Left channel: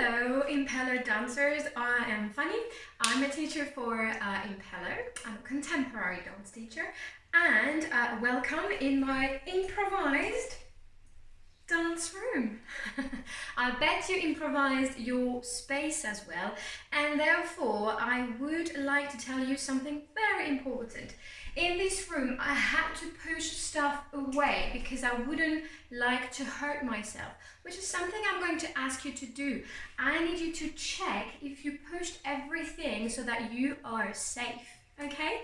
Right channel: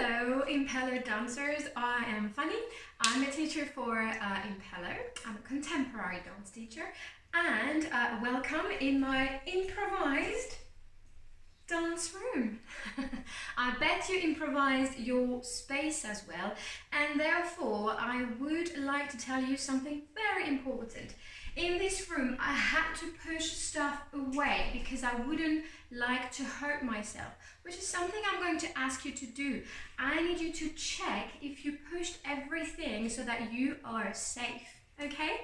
Hello Impelo dancers, I am Fany. I'm a teacher for Impelo. I'm a contemporary dance teacher and welcome in my improvised dance room. I bet you improvised your space as well, and therefore I would like to tell you something very important. In this room I had to push stuff away because I wouldn't like to hurt myself, which is something I'm going to ask you to do. I need you to check if you pushed everything so that you are safe, okay?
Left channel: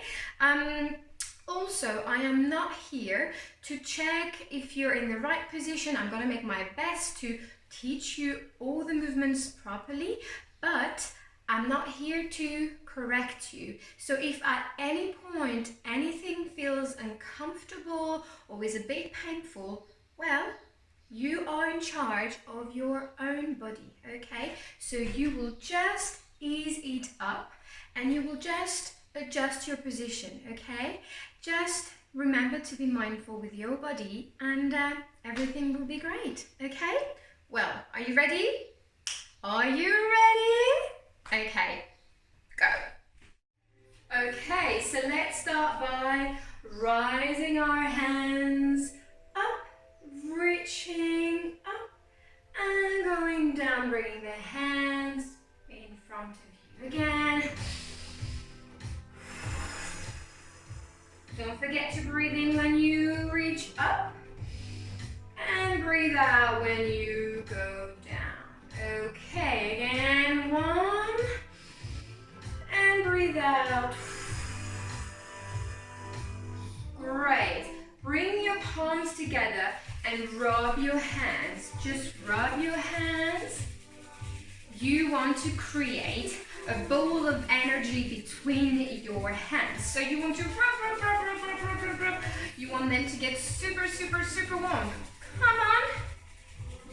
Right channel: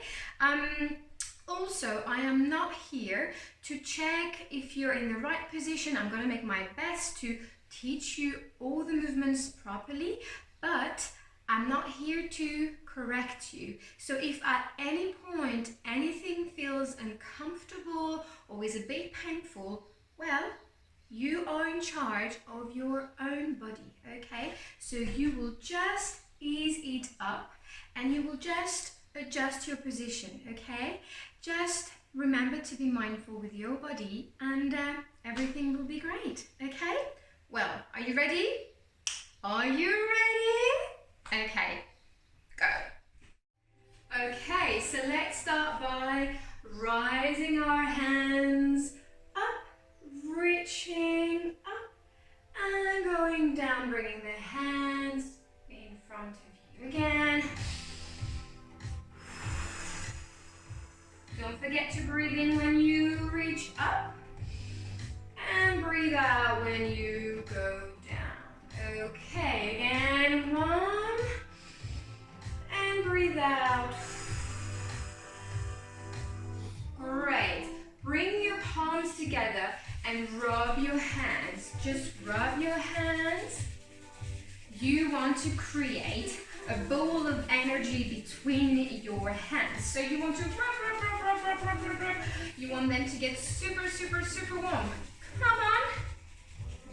Also, I am not here to check if you're in the right position. I'm going to make my best to teach you all the movements properly, but I'm not here to correct you. So if at any point anything feels uncomfortable or is a bit painful, well, you are in charge of your own body, okay? So you will just ease it up and you will just adjust your position, okay? Just remember to be mindful with your body and everything will be great, okay? Well, are you ready? Are you ready? Okay, go. Okay, so let's start by rising our hands up, reaching up and going down, bringing the hands in front of you again. Don't forget to breathe in when you reach up and breathe out when you go down. Okay, again, 1 and breathe out. Great. Bring your palms together and rub your hands. Just rub your hands. You want to create a ball of energy between your hands. So you want to rub. You want them to get super, super, super warm. Come on.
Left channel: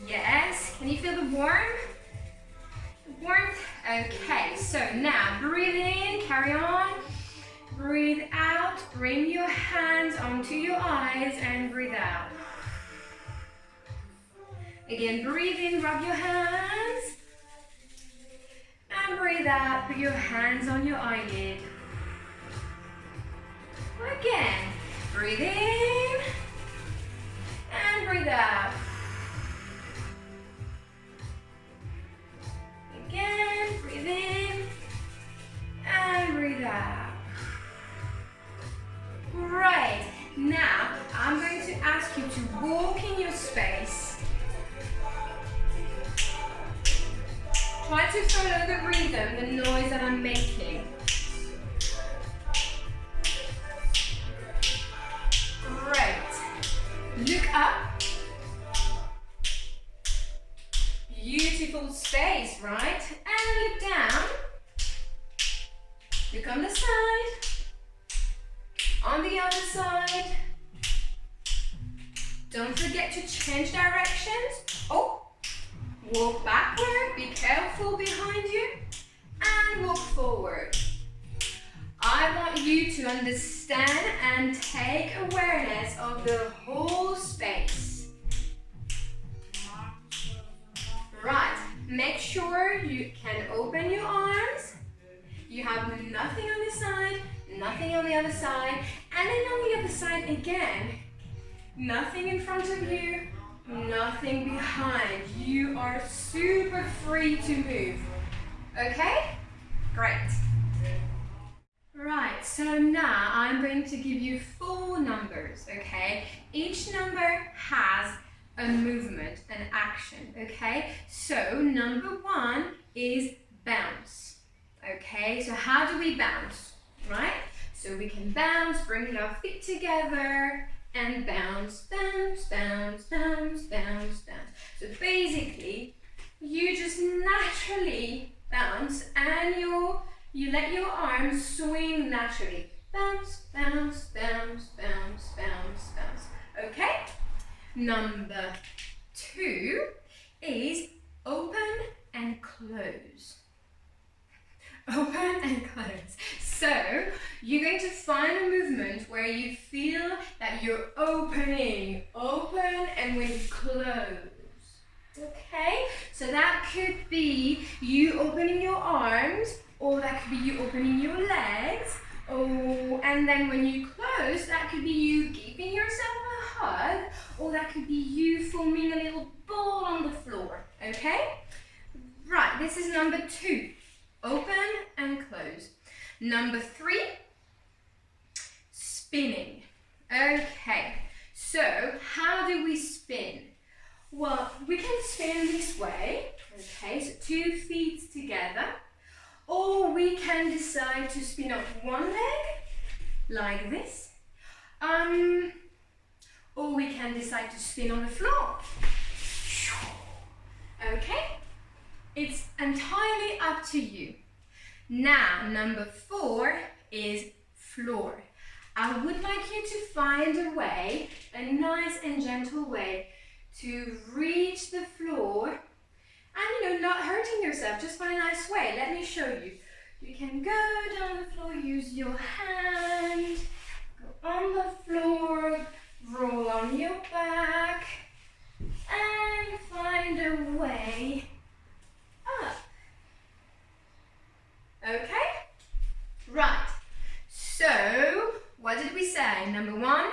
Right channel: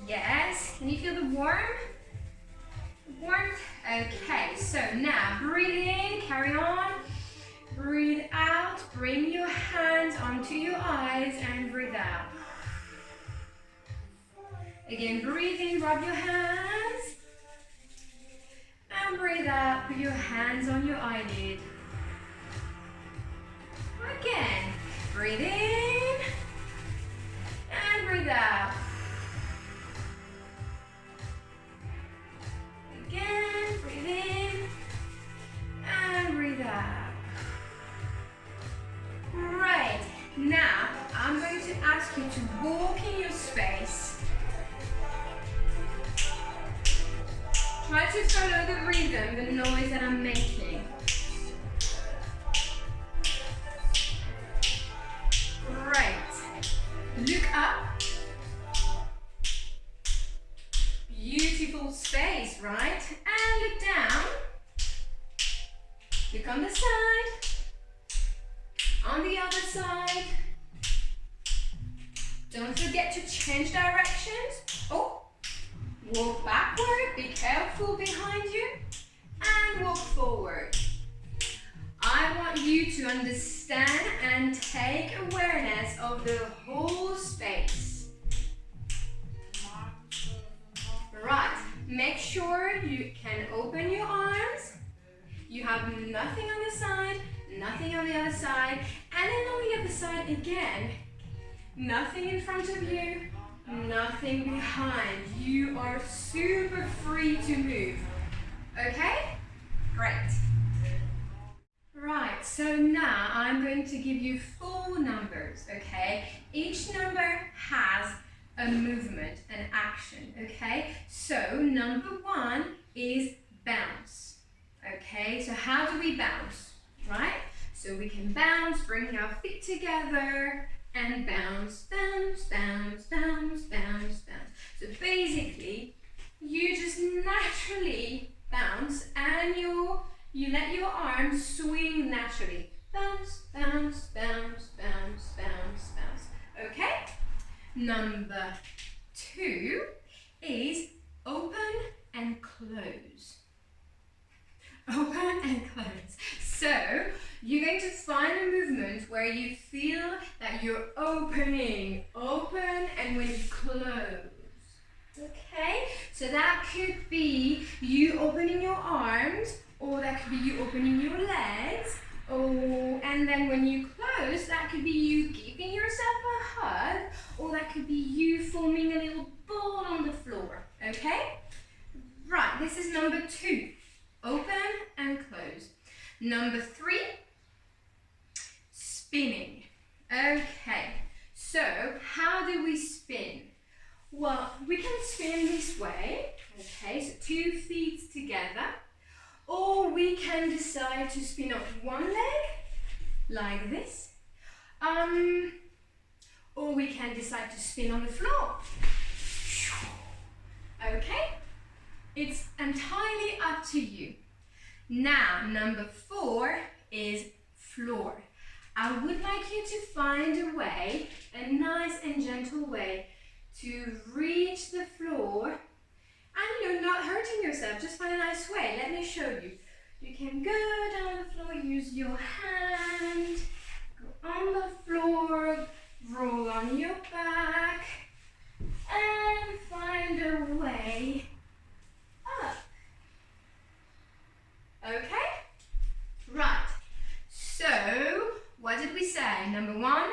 Yes. Can you feel the warmth? Okay, so now breathe in, carry on. Breathe out. Bring your hands onto your eyes and breathe out. Again, breathe in, rub your hands. And breathe out, put your hands on your eyelid. Again, breathe in and breathe out. Again, breathe in and breathe out. Right, now I'm going to ask you to walk in your space. Try to follow the rhythm, the noise that I'm making. Great. Look up. Beautiful space, right? And look down. Look on the side. On the other side. Don't forget to change directions. Oh. Walk backward, be careful behind you, and walk forward. I want you to understand and take awareness of the whole space. Right, make sure you can open your arms. You have nothing on this side, nothing on the other side, and then on the other side again, nothing in front of you, nothing behind. You are super free to move. Okay? Great. Right, so now I'm going to give you 4 numbers, okay? Each number has a movement, an action, okay? So number 1 is bounce, okay? So how do we bounce, right? So we can bounce, bring our feet together, and bounce, bounce, bounce, bounce, bounce, bounce. So basically, you just naturally bounce and you let your arms swing naturally. Bounce, bounce, bounce, bounce, bounce, bounce. Okay? Number 2 is open and close. Open and close. So you're going to find a movement where you feel that you're opening, open, and when you close. Okay? So So that could be you opening your arms, or that could be you opening your legs. Oh, and then when you close, that could be you giving yourself a hug, or that could be you forming a little ball on the floor, okay? Right, this is number 2. Open and close. Number 3, spinning. Okay, so how do we spin? Well, we can spin this way, okay, so 2 feet together, or we can decide to spin up one leg, like this, or we can decide to spin on the floor. Okay, it's entirely up to you. Now, number 4 is floor. I would like you to find a way, a nice and gentle way, to reach the floor and, not hurting yourself, just find a nice way. Let me show you. You can go down the floor, use your hand, go on the floor, roll on your back, and find a way up. Okay? Right. So, what did we say? Number 1,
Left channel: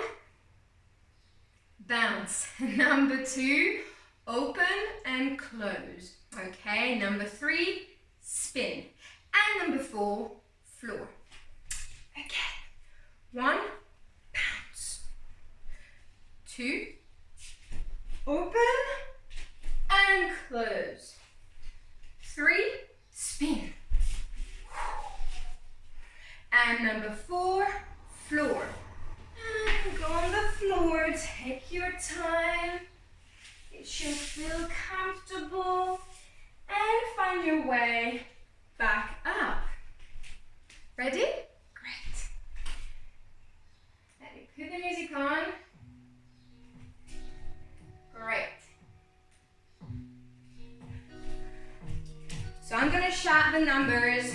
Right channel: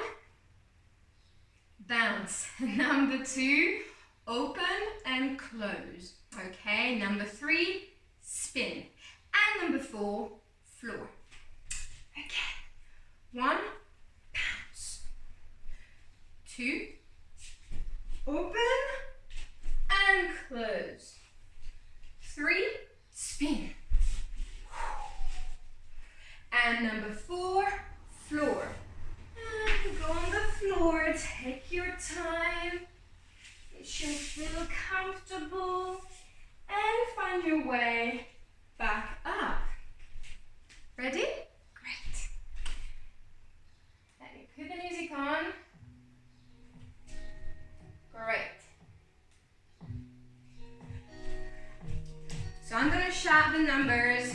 bounce. Number 2, open and close. Okay, number 3, spin. And number 4, floor. Again. 1, bounce. 2, open and close. 3, spin. And number 4, floor. And go on the floor, take your time. It should feel comfortable. And find your way back up. Ready? Great. Let me put the music on. Great. So I'm going to shout the numbers,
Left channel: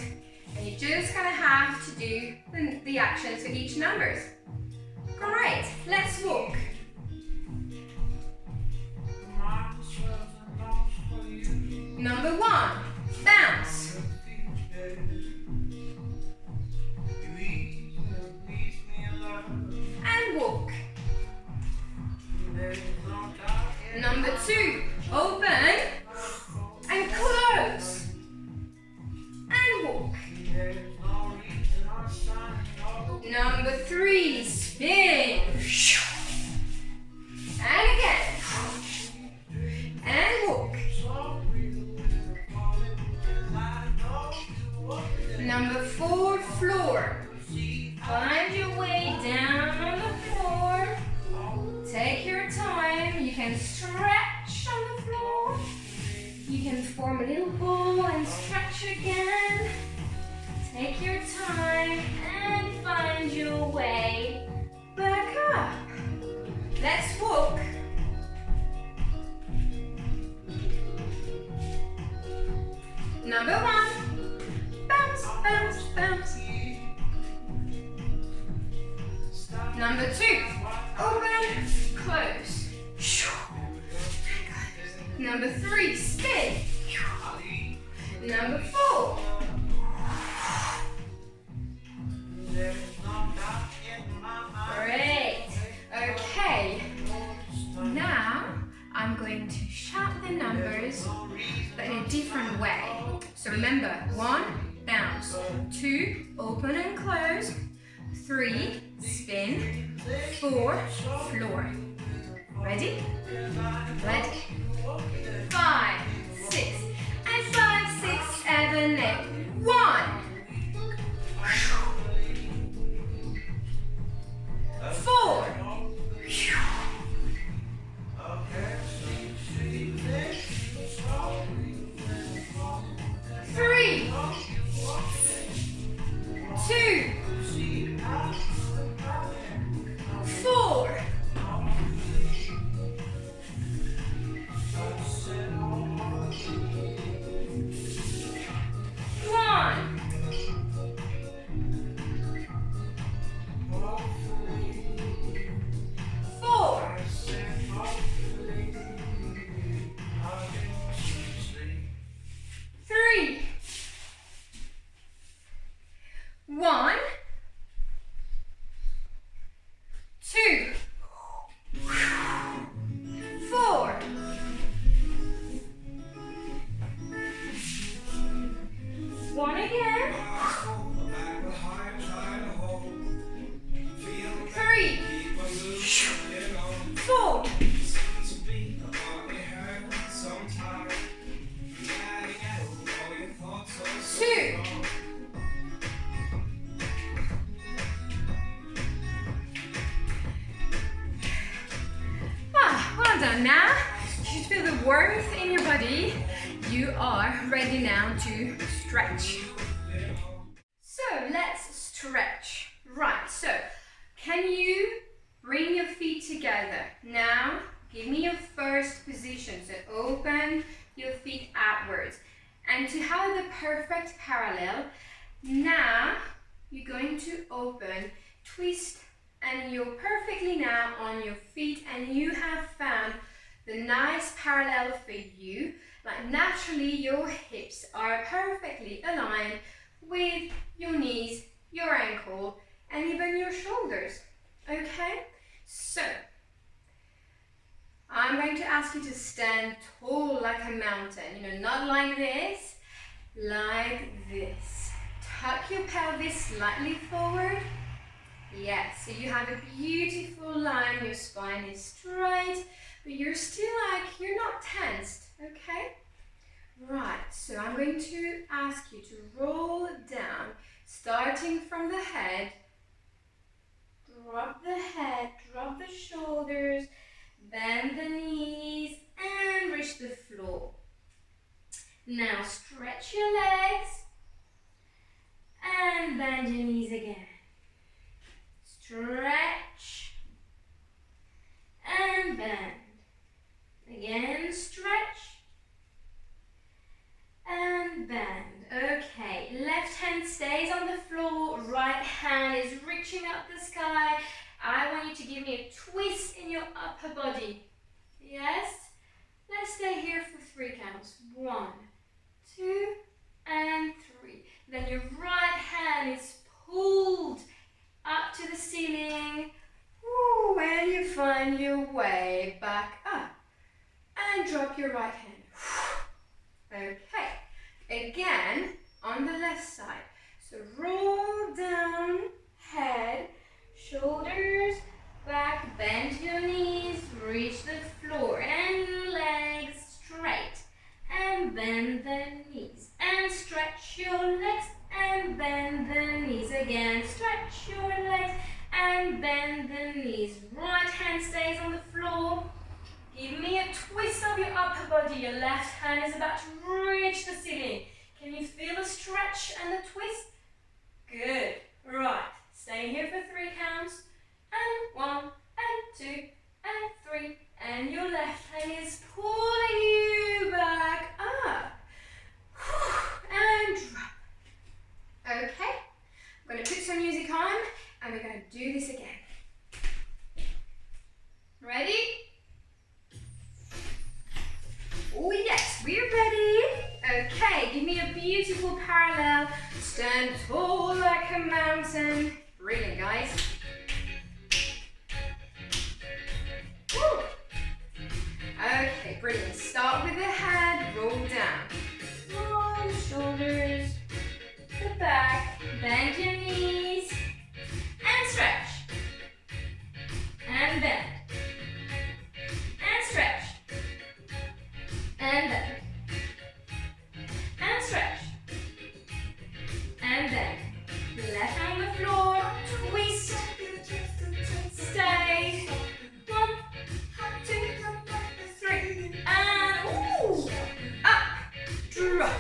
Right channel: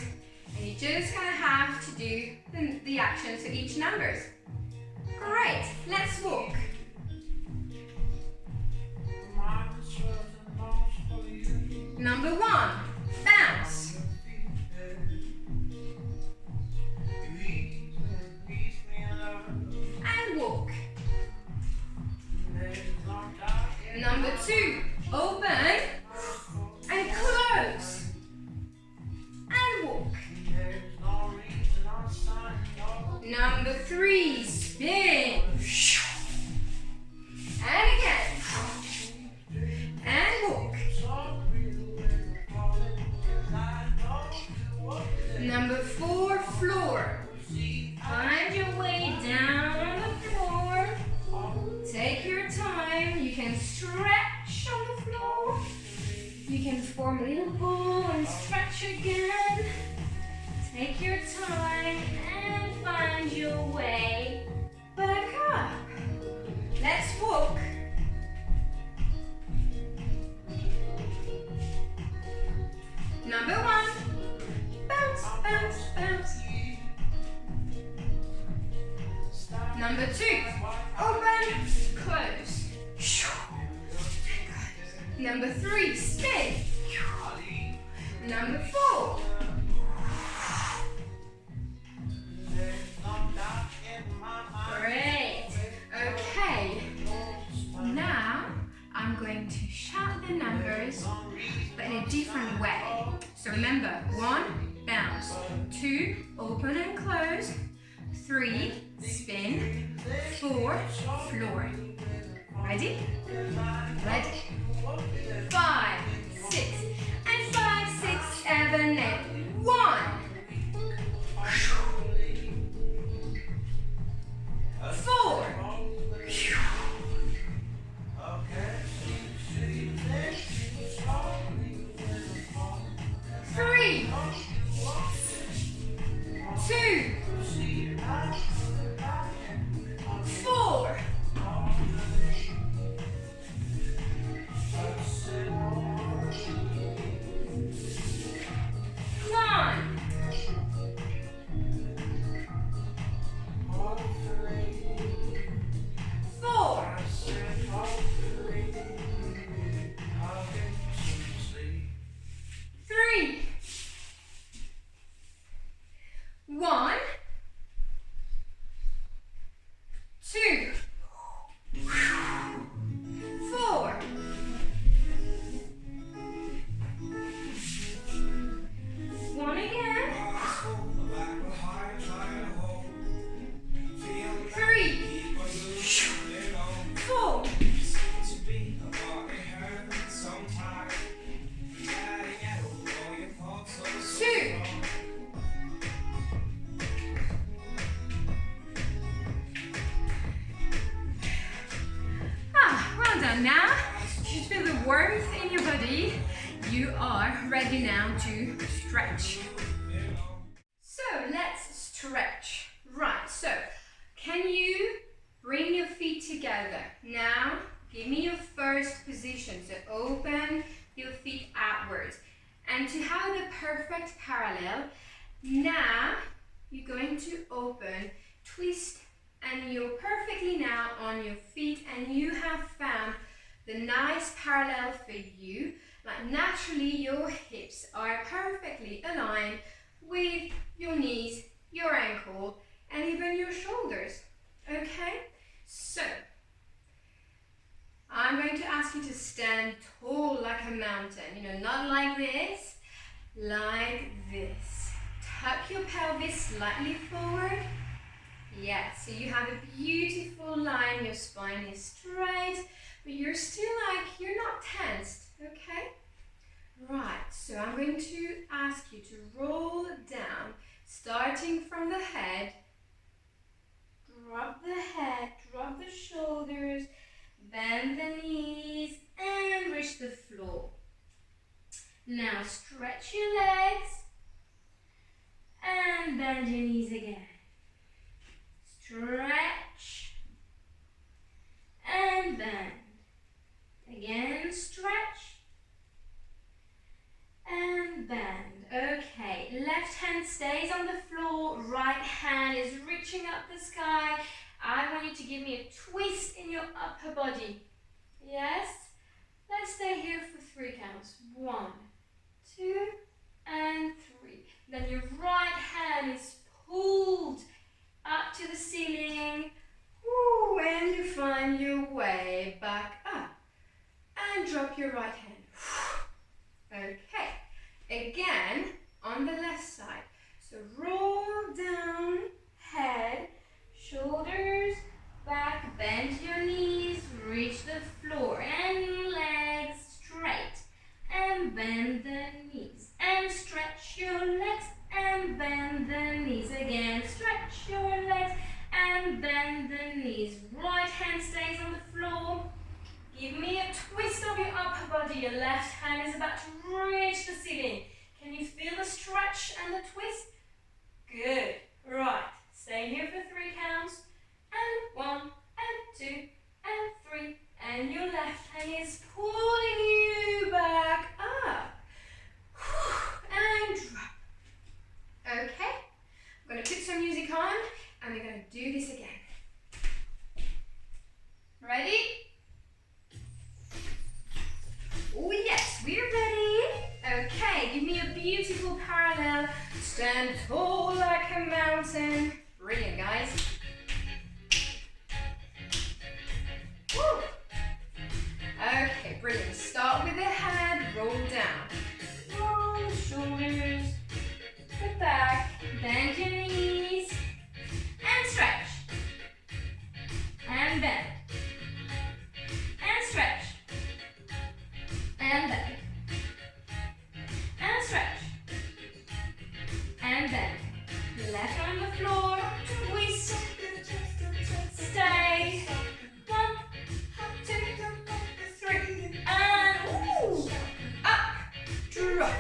and you're just going to have to do the actions for each numbers. Great. Let's walk. Number 1, bounce. And walk. Number 2, open and close. And walk. Number 3, spin. And again. And walk. Number 4, floor. Find your way down on the floor. Take your time. You can stretch on the floor. You can form a little ball and stretch again. Take your time and find your way back up. Let's walk. Number 1. Bounce, bounce, bounce. Number 2, open, close. Number 3, spin. Number 4. Great. Okay. Now I'm going to shout the numbers, but in a different way. So remember, 1, bounce. 2, open and close. 3, spin. 4, floor. Ready? Ready. 5, 6, and 5, 6, 7, 8. 1. 4. 3, 2, 4, done. Now you should feel the warmth in your body. You are ready now to stretch. So let's stretch. Right, so can you bring your feet together? Now give me your first position. So open your feet outwards. And to have the perfect parallel, now you're going to open, twist, and you're perfectly now on your feet, and you have found the nice parallel for you. Like naturally your hips are perfectly aligned with your knees, your ankle, and even your shoulders. Okay? So I'm going to ask you to stand tall like a mountain. You know, not like this, like this. Tuck your pelvis slightly forward. Yes, so you have a beautiful line, your spine is straight, but you're still like, you're not tensed, okay? Right, so I'm going to ask you to roll down, starting from the head. Drop the head, drop the shoulders, bend the knees, and reach the floor. Now stretch your legs, and bend your knees again. Stretch and bend. Again, stretch and bend. Okay, left hand stays on the floor, right hand is reaching up the sky. I want you to give me a twist in your upper body. Yes? Let's stay here for 3 counts. 1, 2, and 3. Then your right hand is pulled up to the ceiling. Woo, and you find your way back up. And drop your right hand. Okay. Again, on the left side. So roll down, head, shoulders, back, bend your knees, reach the floor, and legs straight. And bend the knees. And stretch your legs, and bend the knees again. Stretch your legs and bend the knees. Right hand stays on the floor. Give me a twist of your upper body. Your left hand is about to reach the ceiling. Can you feel the stretch and the twist? Good. Right. Stay here for 3 counts. And 1, and 2, and 3. And your left hand is pulling you back up. And drop. Okay, I'm going to put some music on and we're going to do this again. Ready? Oh yes, we're ready. Okay, give me a beautiful parallel. Stand tall like a mountain. Brilliant, guys. Woo. Okay, brilliant. Start with the head, roll down. Roll the shoulders. The back, bend your knees, and stretch, and bend, and stretch, and bend, and stretch, and bend. Left on the floor, twist, stay, 1, 2, 3, and ooh, up, drop.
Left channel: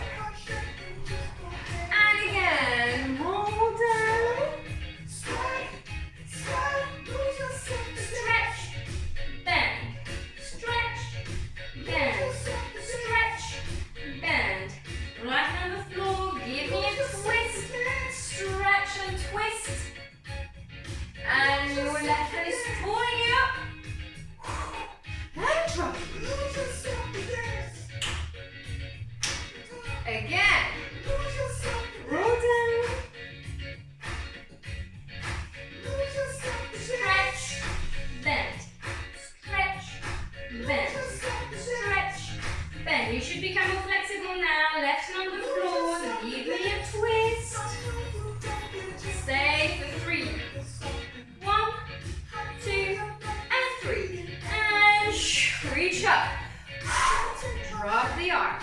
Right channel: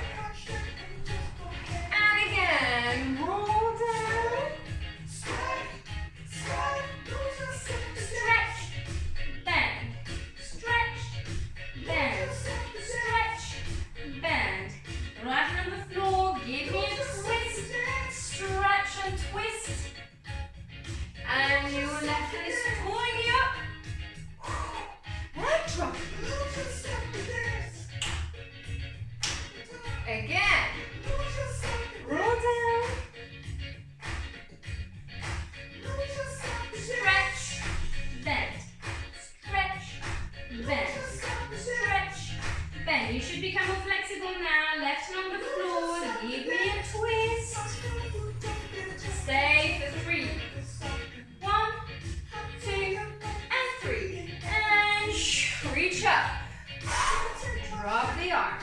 Roll down. Stretch, bend, stretch, bend, stretch, bend. Right on the floor, give me a twist, stretch and twist. And your left hand is pulling you up. And drop. Again. Roll down. Stretch, bend, stretch, bend, stretch, bend. You should become more flexible now. Left hand on the floor. Give me a twist. Stay for 3. 1, 2, and 3. And reach up. Drop the arm.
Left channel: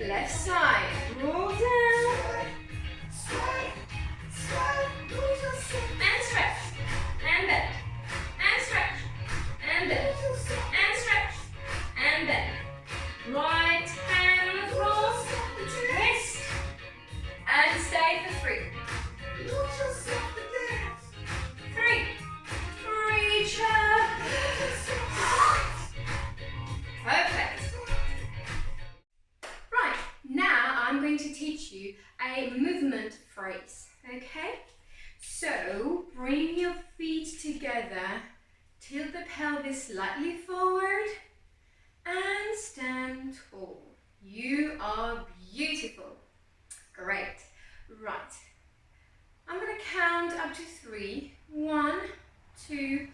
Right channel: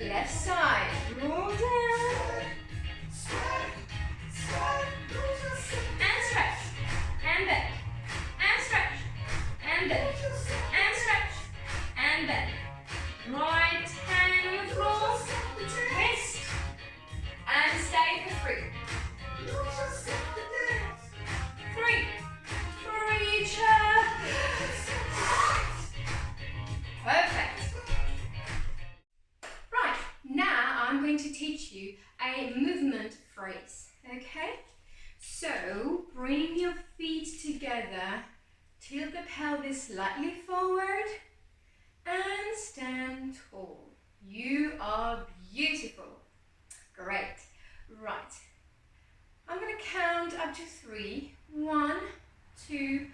Left side. Roll down. And stretch. And bend. And stretch. And bend. And stretch. Right hand on the floor, twist, and stay for 3. 3. Reach up. Perfect. Right, now I'm going to teach you a movement phrase, okay? So, bring your feet together, tilt the pelvis slightly forward, and stand tall. You are beautiful. Great. Right. I'm going to count up to 3. 1, 2,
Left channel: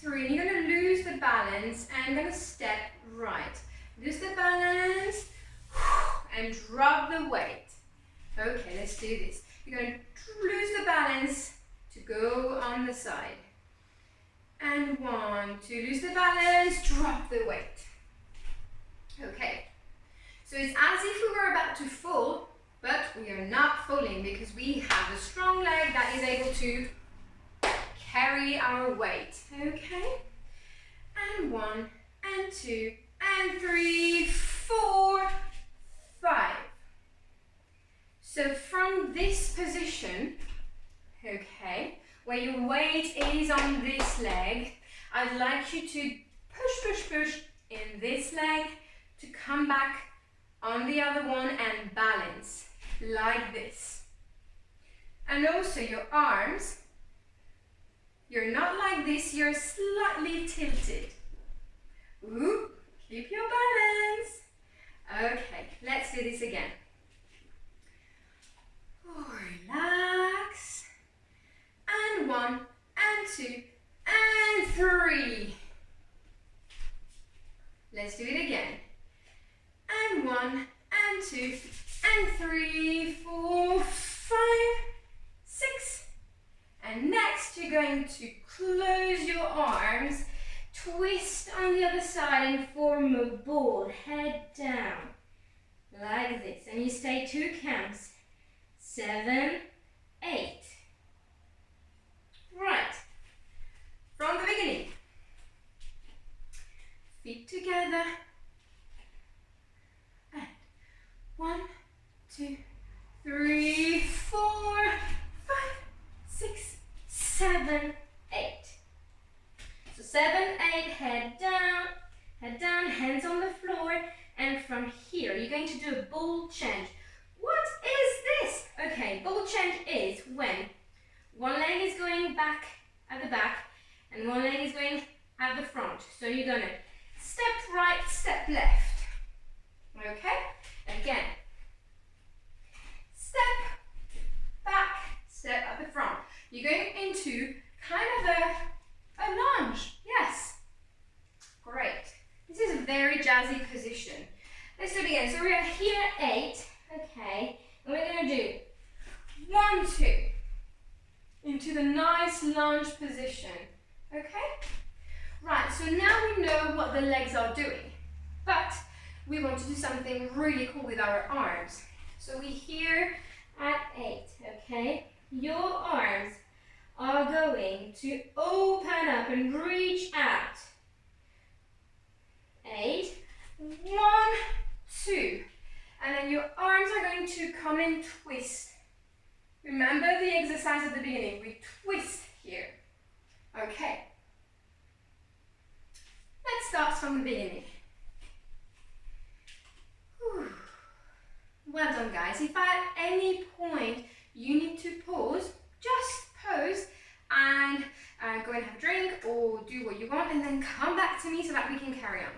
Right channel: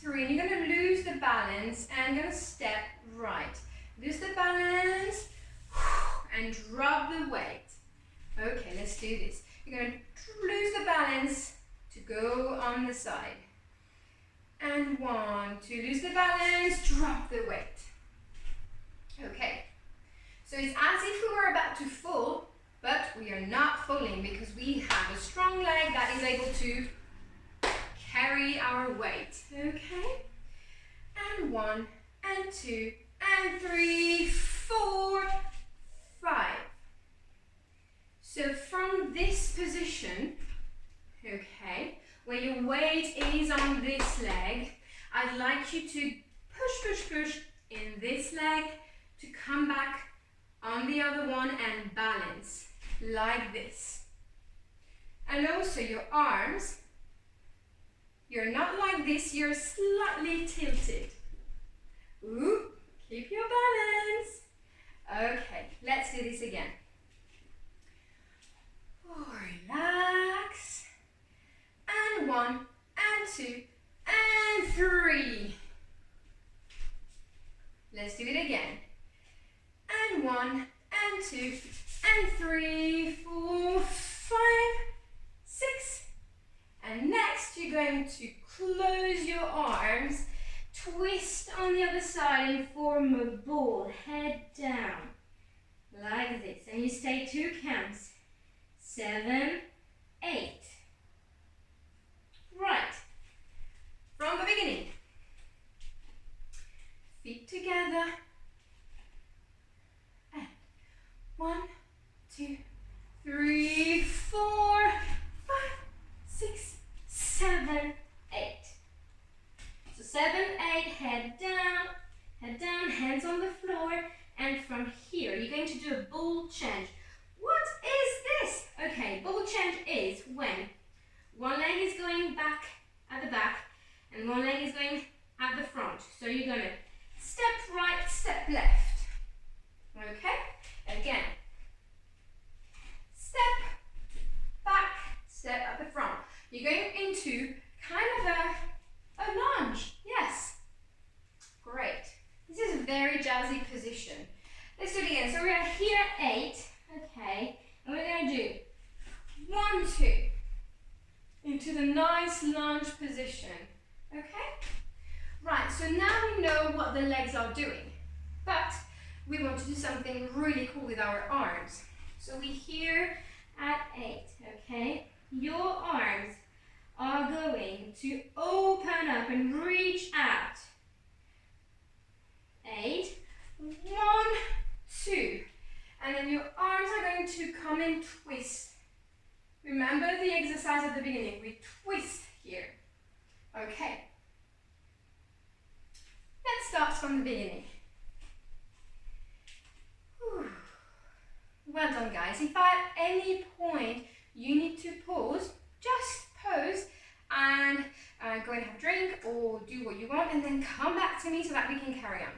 3. You're going to lose the balance and going to step right. Lose the balance and drop the weight. Okay, let's do this. You're going to lose the balance to go on the side. And 1, 2, lose the balance, drop the weight. Okay, so it's as if we were about to fall, but we are not falling because we have a strong leg that is able to carry our weight. Okay, and 1, and 2, and 3, 4, 5. So from this position, okay, where your weight is on this leg, I'd like you to push in this leg to come back on the other one and balance like this. And also your arms, you're not like this, you're slightly tilted. Ooh, keep your balance. Okay, let's do this again. Relax. And 1, and 2, and 3. Let's do it again. And 1, and 2, and 3, 4, 5, 6. And next you're going to close your arms, twist on the other side and form a ball, head down, like this. And you stay 2 counts. 7, 8. Right. From the beginning. Feet together. And 1, 2, 3, 4, 5, 6, 7, 8. So 7, 8, head down, hands on the floor, and from here you're going to do a ball change. What is this? Okay, ball change is when one leg is going back at the back and one leg is going at the front. So you're going to step right, step left. Okay? And again, step back, step at the front. You're going into kind of a lunge. Yes. Great. This is a very jazzy position. Let's do it again. So we're here at 8. Okay. And we're going to do 1, 2. Into the nice lunge position. Okay? Right, so now we know what the legs are doing. But we want to do something really cool with our arms. So we're here at 8, okay? Your arms are going to open up and reach out. 8, 1, 2. And then your arms are going to come and twist. Remember the exercise at the beginning. We twist here. Okay. Let's start from the beginning. Whew. Well done, guys. If at any point you need to pause, just pause and go and have a drink or do what you want and then come back to me so that we can carry on.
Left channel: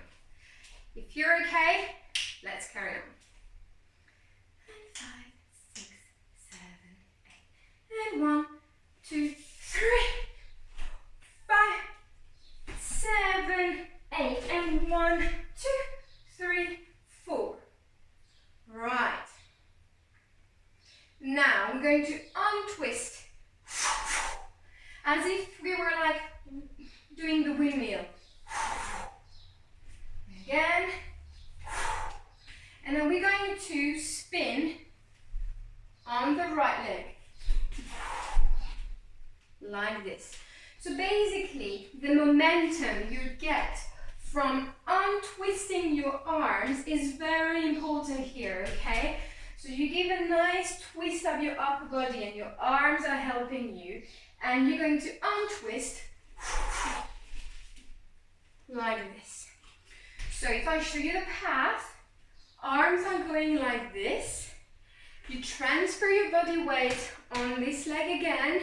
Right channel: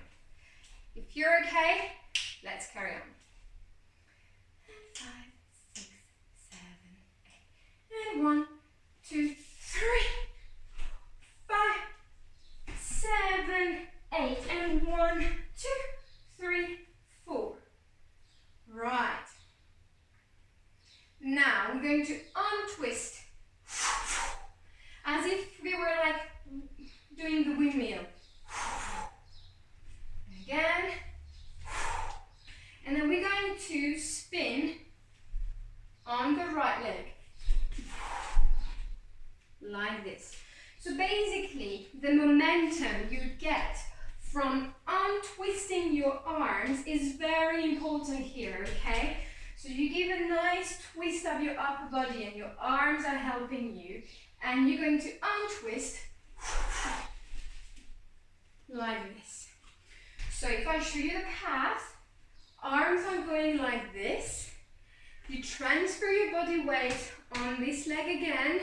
If you're okay, let's carry on. 5, 6, 7, 8. And 1, 2, 3, 5, 7, 8. And 1, 2, 3, 4. Right. Now I'm going to untwist as if we were like doing the windmill. Again. And then we're going to spin on the right leg. Like this. So basically, the momentum you get from untwisting your arms is very important here, okay? So you give a nice twist of your upper body and your arms are helping you. And you're going to untwist like this. So if I show you the path, arms are going like this. You transfer your body weight on this leg again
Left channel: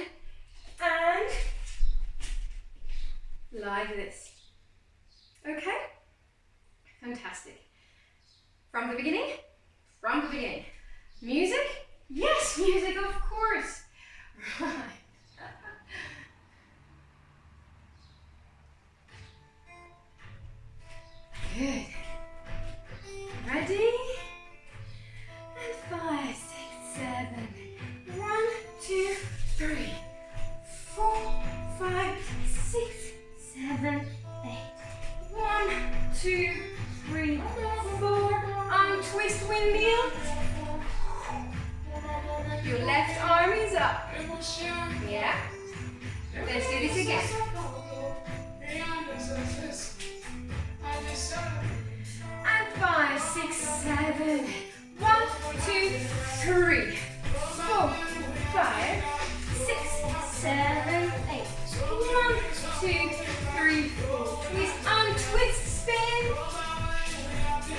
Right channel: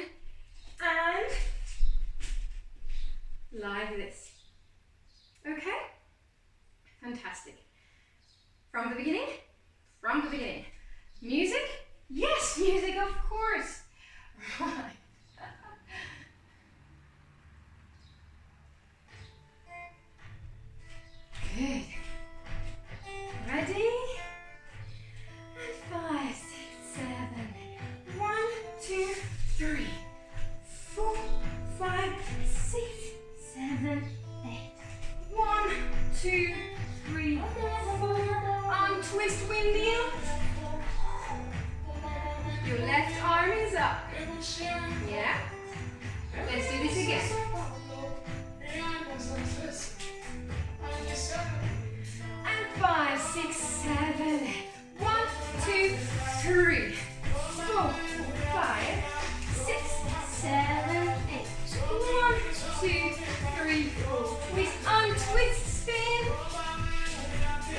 and like this. Okay? Fantastic. From the beginning? From the beginning. Music? Yes, music, of course. Right. Good. Ready? And 5, 6, 7. 1, 2, 3, 4, 5, 6, 7, 8. 1, 2, 3, 4. Untwist windmill. Your left arm is up. Yeah? Let's do this again. And 5, 6, 7. 1, 2, 3, 4, 5, 6, 7, 8. 1, 2, 3, 4. Twist, untwist, spin.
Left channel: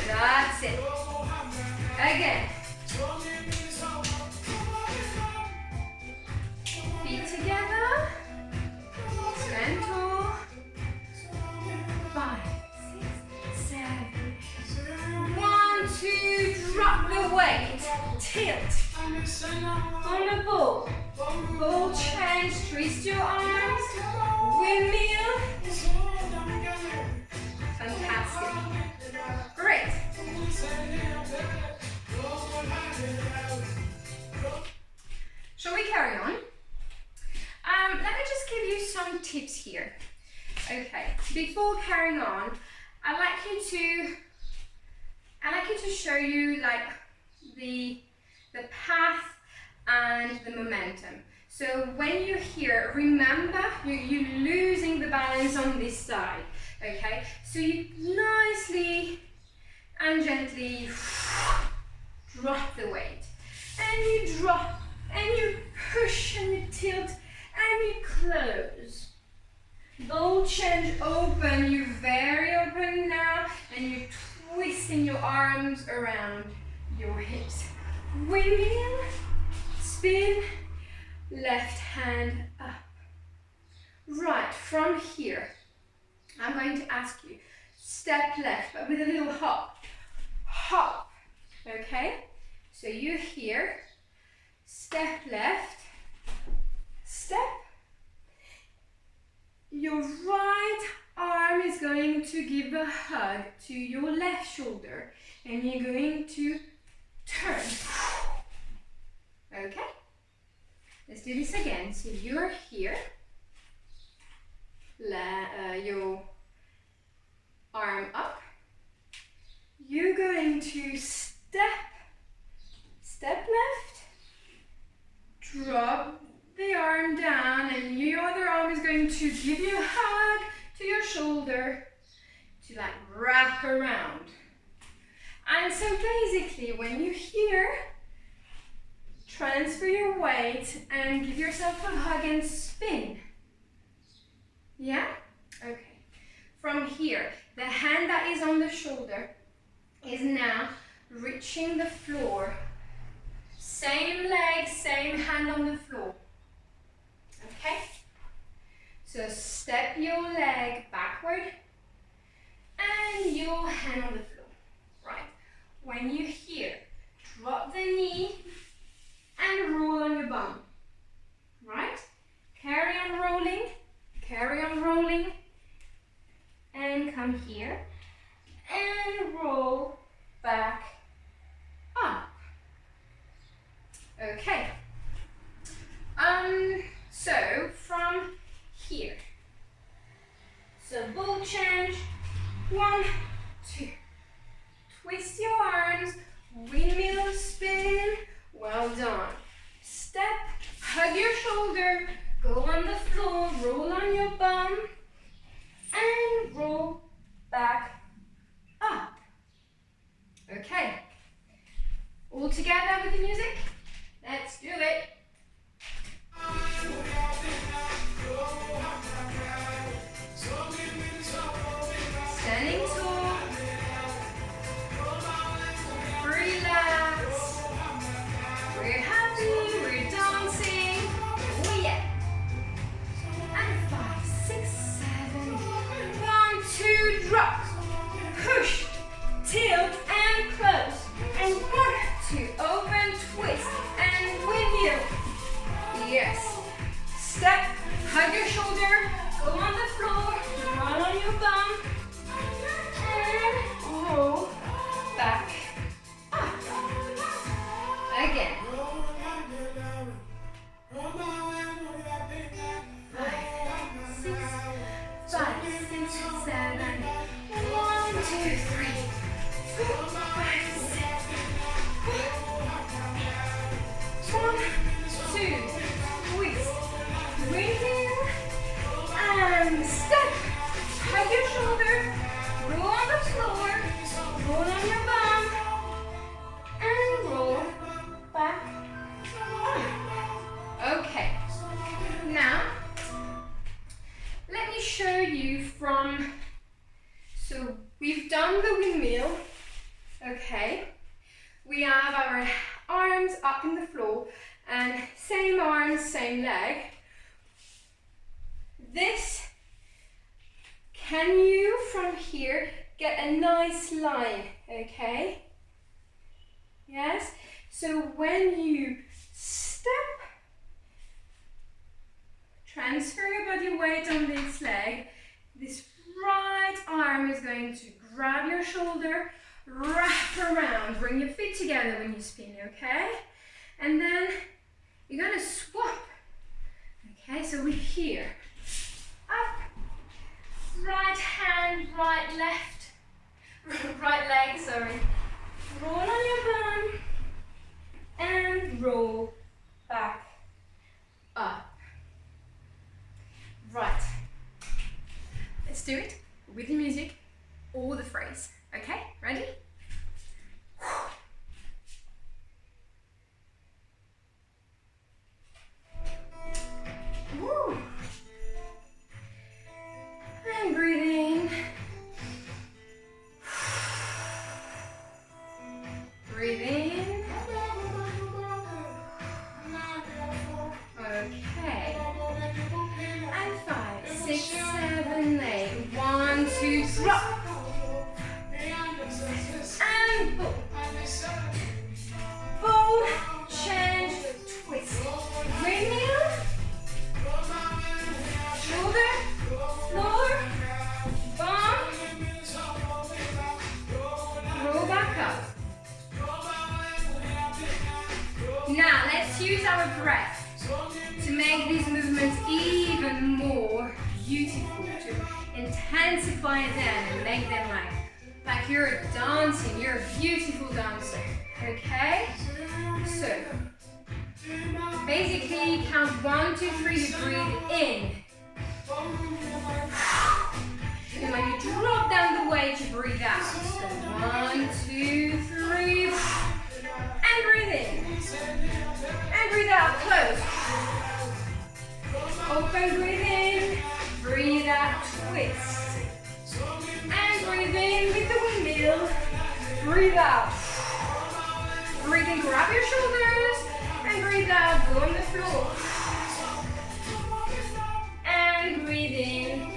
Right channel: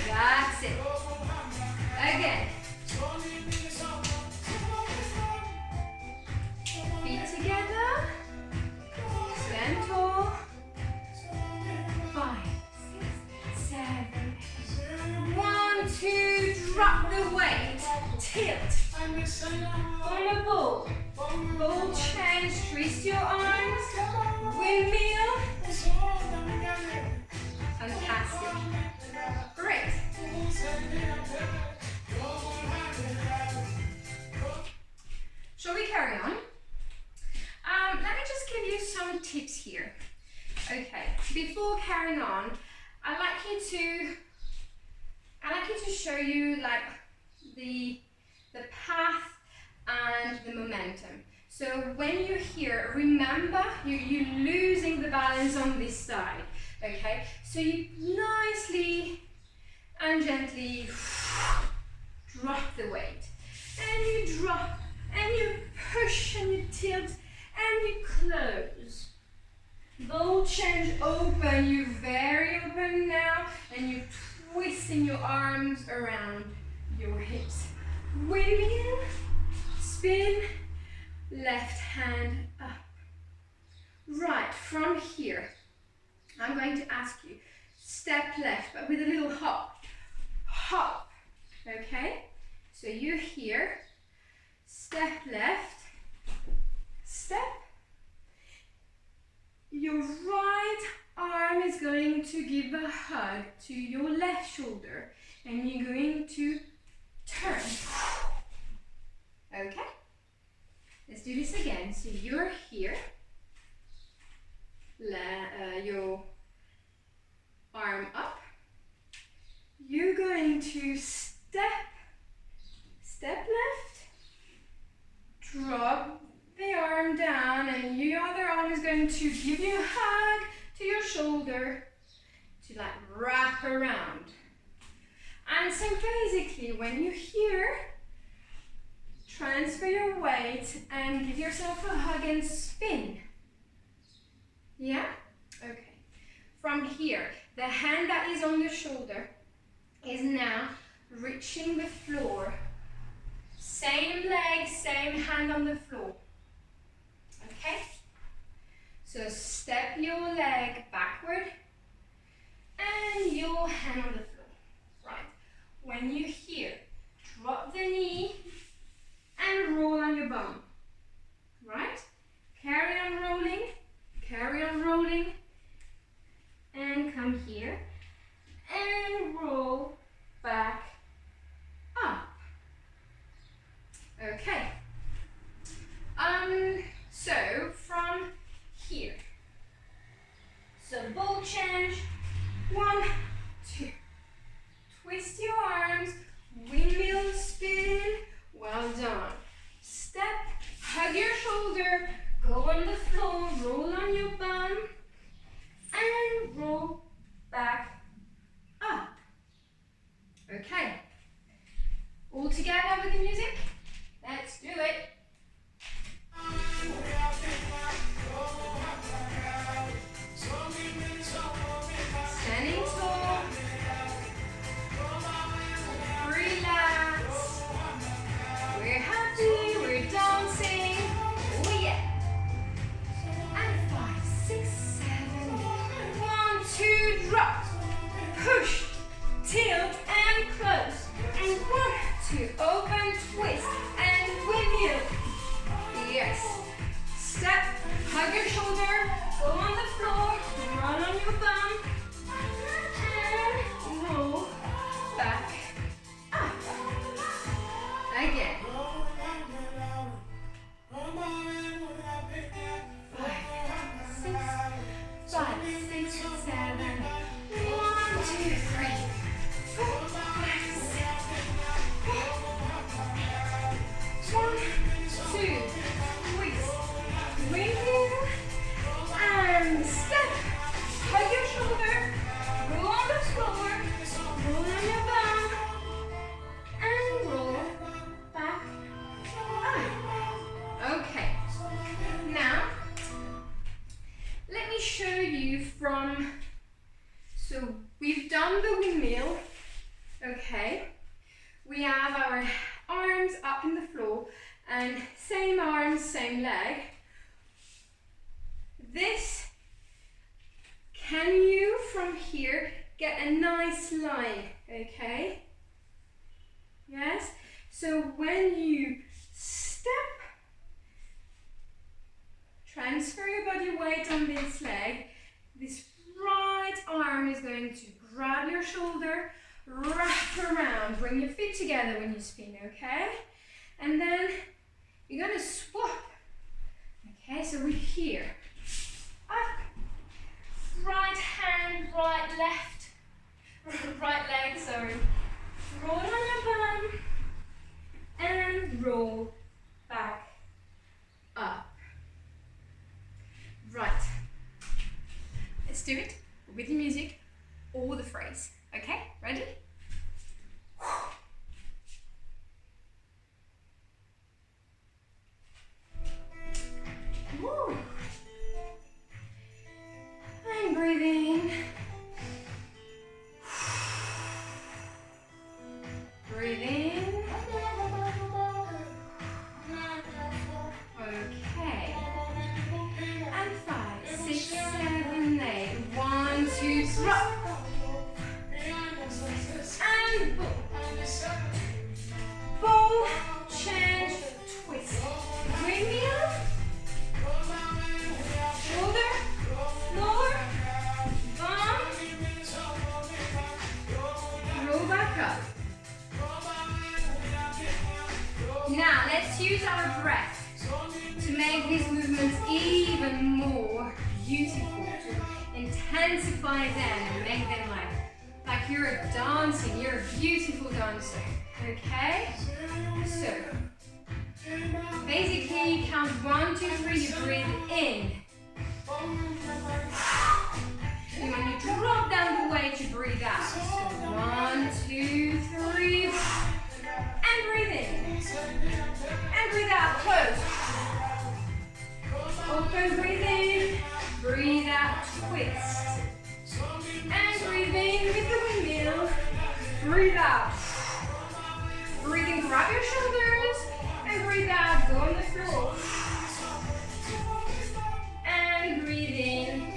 That's it. Again. Feet together. Stand tall. 5, 6, 7. 1, 2. Drop the weight. Tilt. On the ball. Ball change. Twist your arms. Windmill. Fantastic. Great. Shall we carry on? Let me just give you some tips here. Okay, before carrying on, I'd like you to show you like the path and the momentum. So when you're here, remember you're losing the balance on this side. Okay, so you nicely and gently drop the weight, and you drop, and you push, and you tilt, and you close. Ball change, open, you're very open now, and you're twisting your arms around your hips. Windmill, spin, left hand up. Right, from here, I'm going to ask you, step left, but with a little hop. Hop, okay? So you're here, step left, step. Your right arm is going to give a hug to your left shoulder, and you're going to turn. Okay? Let's do this again. So you're here, your arm up. You're going to step left, drop the arm down, and your other arm is going to give you a hug to your shoulder to like wrap around. And so basically when you're here, transfer your weight and give yourself a hug and spin. Yeah? Okay. From here, the hand that is on the shoulder is now reaching the floor. Same leg, same hand on the floor. Okay? So step your leg backward and your hand on the floor. Right. When you're here, drop the knee and roll on your bum. Right? Carry on rolling, and come here and roll back up. Okay. So from here. So ball change. 1, 2. Twist your arms. Windmill spin. Well done. Step. Hug your shoulder. Go on the floor. Roll on your bum. And roll back up. Okay. All together with the music? Let's do it. Standing tall. Relax. We're happy, we're dancing. Oh yeah. And 5, 6, 7. 1, 2, drop. Push, tilt and close. And 1, 2, open, twist and windmill. Yes. Step, hug your shoulder, go on the floor, run on your bum, and roll back up. Again. 5, 6, 7. 1, 2, 3, 4, 5, 6. 1, 2, twist, windmill, and step. Hug your shoulder, roll on the floor, roll on your bum, and roll back up. Okay. Now, let me show you from, so we've done the windmill, okay. We have our arms up in the floor and same arms, same leg. This, can you from here get a nice line, okay? Yes, so when you step, transfer your body weight on this leg, this right arm is going to grab your shoulder, wrap around, bring your feet together when you spin, okay? And then you're gonna swap, okay? So we're here, up, right hand, right left, right leg, sorry. Roll on your bum, and roll back up. Right, let's do it with the music or the phrase, okay? Ready? Woo. And breathe in. Breathe in. Okay. And 5, 6, 7, 8. 1, 2, drop. And pull. Fold, change, twist. Windmill. Shoulder, floor, bum. Roll back up. Now let's use our breath to make these movements even more beautiful, to intensify them and make them like you're dancing, you're a beautiful dancer, okay? So, basically count 1, 2, 3, you breathe in. And when you drop down the weight, you breathe out. So 1, 2, 3, and breathe in. And breathe out, close. Open, breathe in, breathe out, twist. And breathe in with the windmill, breathe out. Breathe in, grab your shoulders, and breathe out, go on the floor. And breathe in,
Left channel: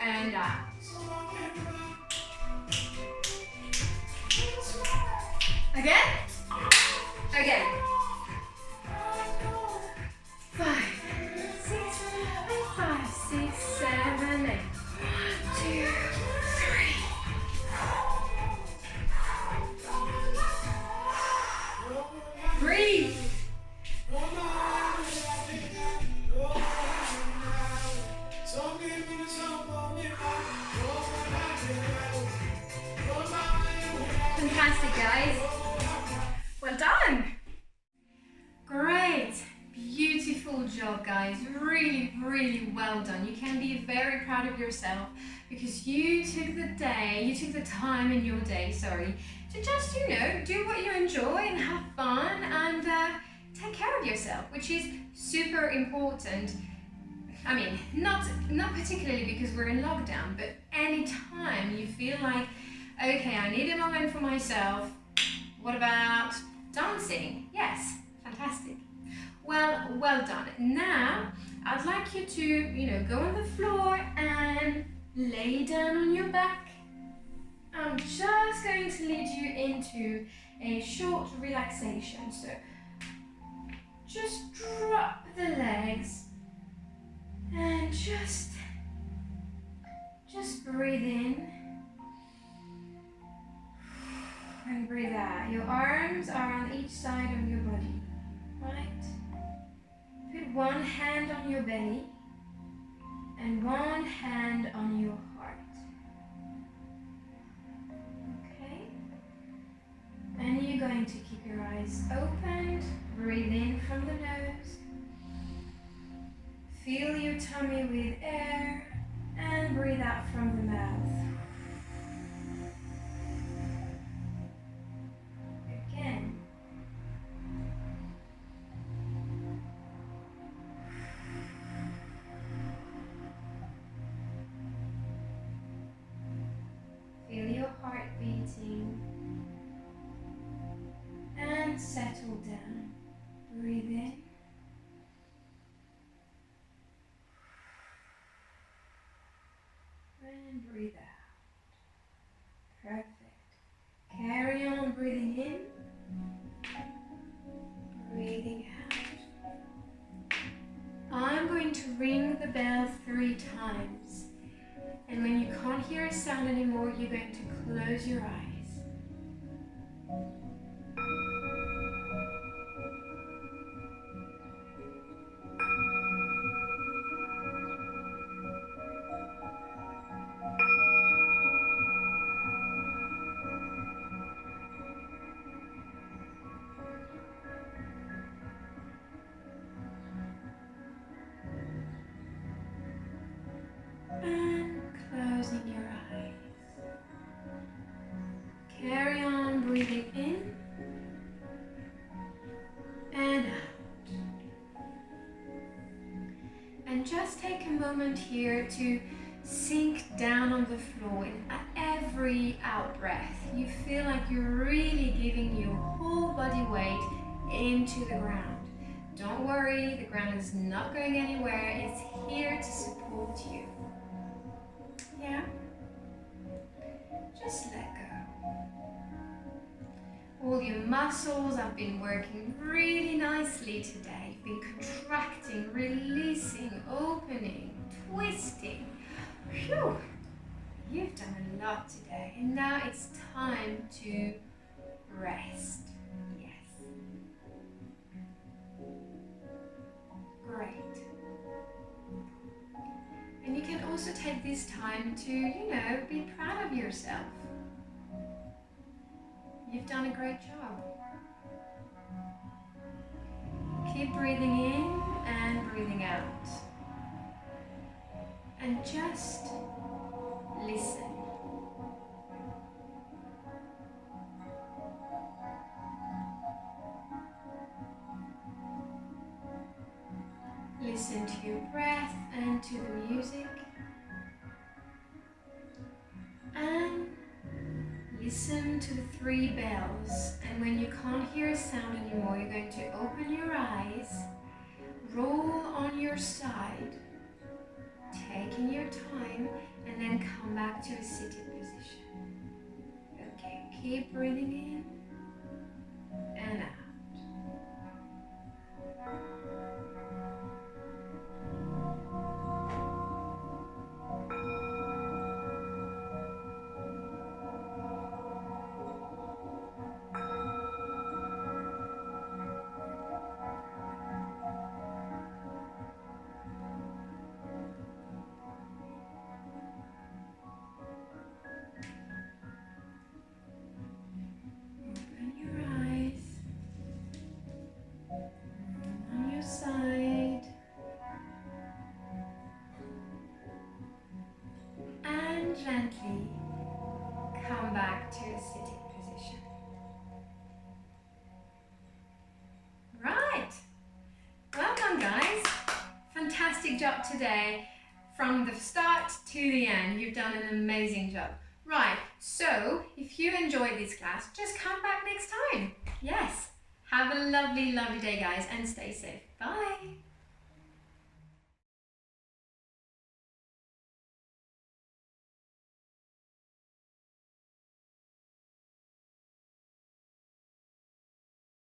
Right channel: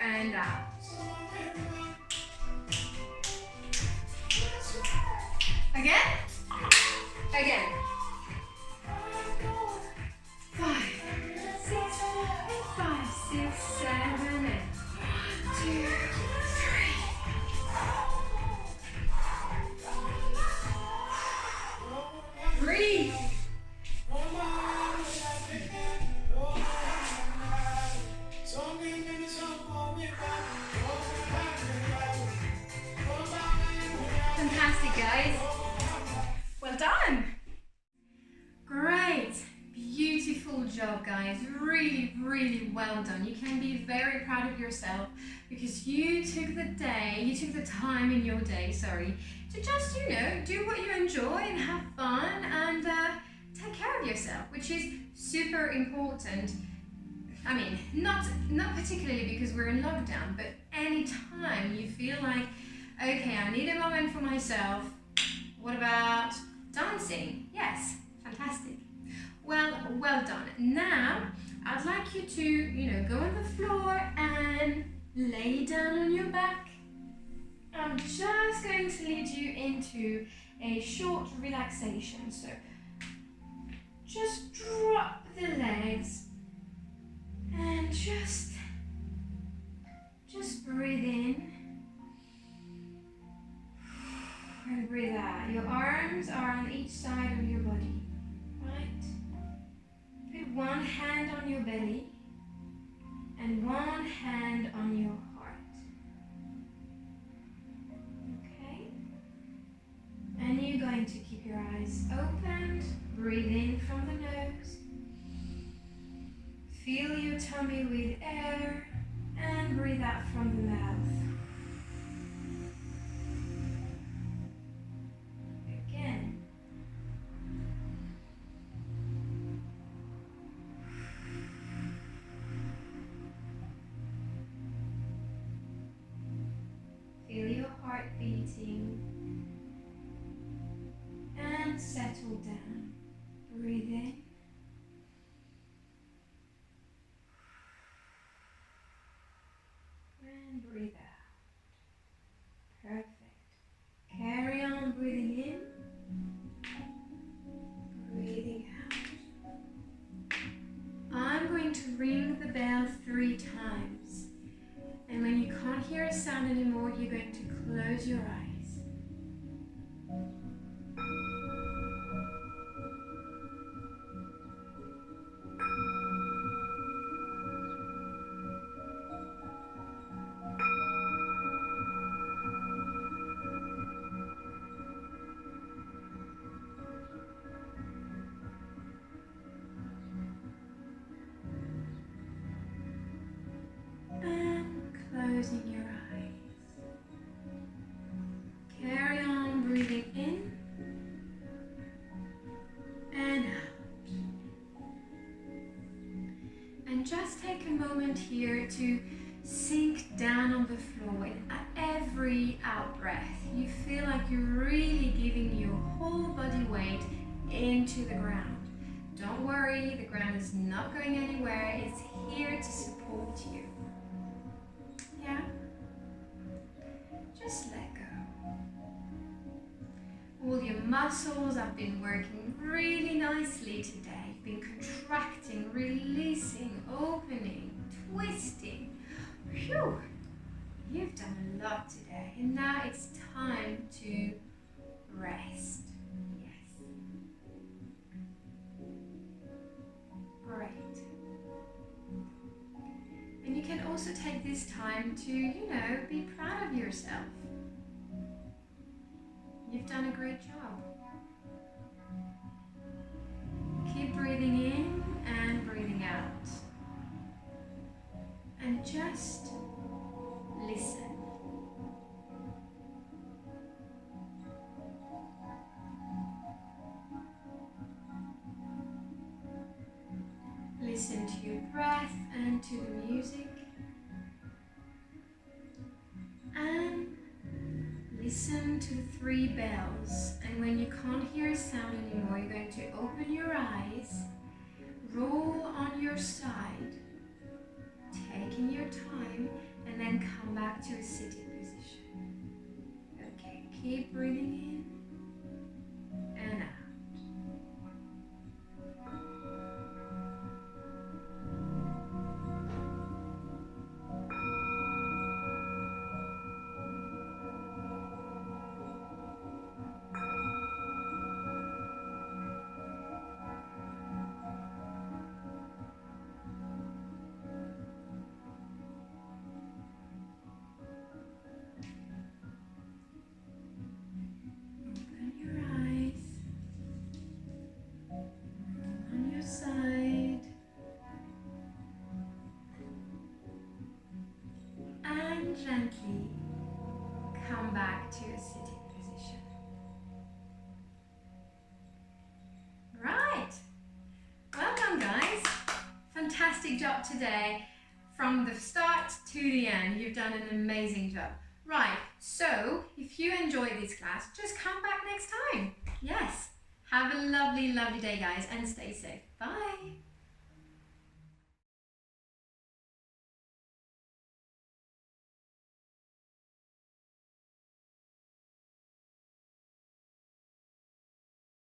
and out. Again? Again. 5, 6, and 5, 6, 7, 8. 1, 2, 3. Breathe. Fantastic, guys. Well done. Great. Beautiful job, guys. Really, really well done. You can be very proud of yourself because you took the time in your day, to just, do what you enjoy and have fun and take care of yourself, which is super important. I mean, not particularly because we're in lockdown, but anytime you feel like, okay, I need a moment for myself, what about dancing? Yes, fantastic. Well done. Now, I'd like you to, go on the floor and lay down on your back. I'm just going to lead you into a short relaxation. So, just drop the legs and just breathe in and breathe out. Your arms are on each side of your body, right? Put one hand on your belly and one hand on your heart. Okay? And you're going to keep your eyes opened. Breathe in from the nose. Fill your tummy with air and breathe out from the mouth. Again. Feel your heart beating and settle down. Breathe in. And breathe out. Perfect. Carry on breathing in. Breathing out. I'm going to ring the bell 3 times. And when you can't hear a sound anymore, you're going to close your eyes. Closing your eyes. Carry on breathing in and out. And just take a moment here to sink down on the floor. In every out breath, you feel like you're really giving your whole body weight into the ground. Don't worry, the ground is not going anywhere. It's here to support you. Yeah? Just let go. All your muscles have been working really nicely today. You've been contracting, releasing, opening, twisting. Phew! You've done a lot today, and now it's time to rest. Yes. Great. And you can also take this time to, be proud of yourself. You've done a great job. Keep breathing in and breathing out. And just listen. Listen to your breath and to the music. And listen to the 3 bells. And when you can't hear a sound anymore, you're going to open your eyes, roll on your side, taking your time, and then come back to a seated position. Okay, keep breathing in and out. come back to a sitting position. Right. Well done, guys. Fantastic job today. From the start to the end, you've done an amazing job. Right, so if you enjoyed this class, just come back next time. Yes. Have a lovely, lovely day, guys, and stay safe. Bye.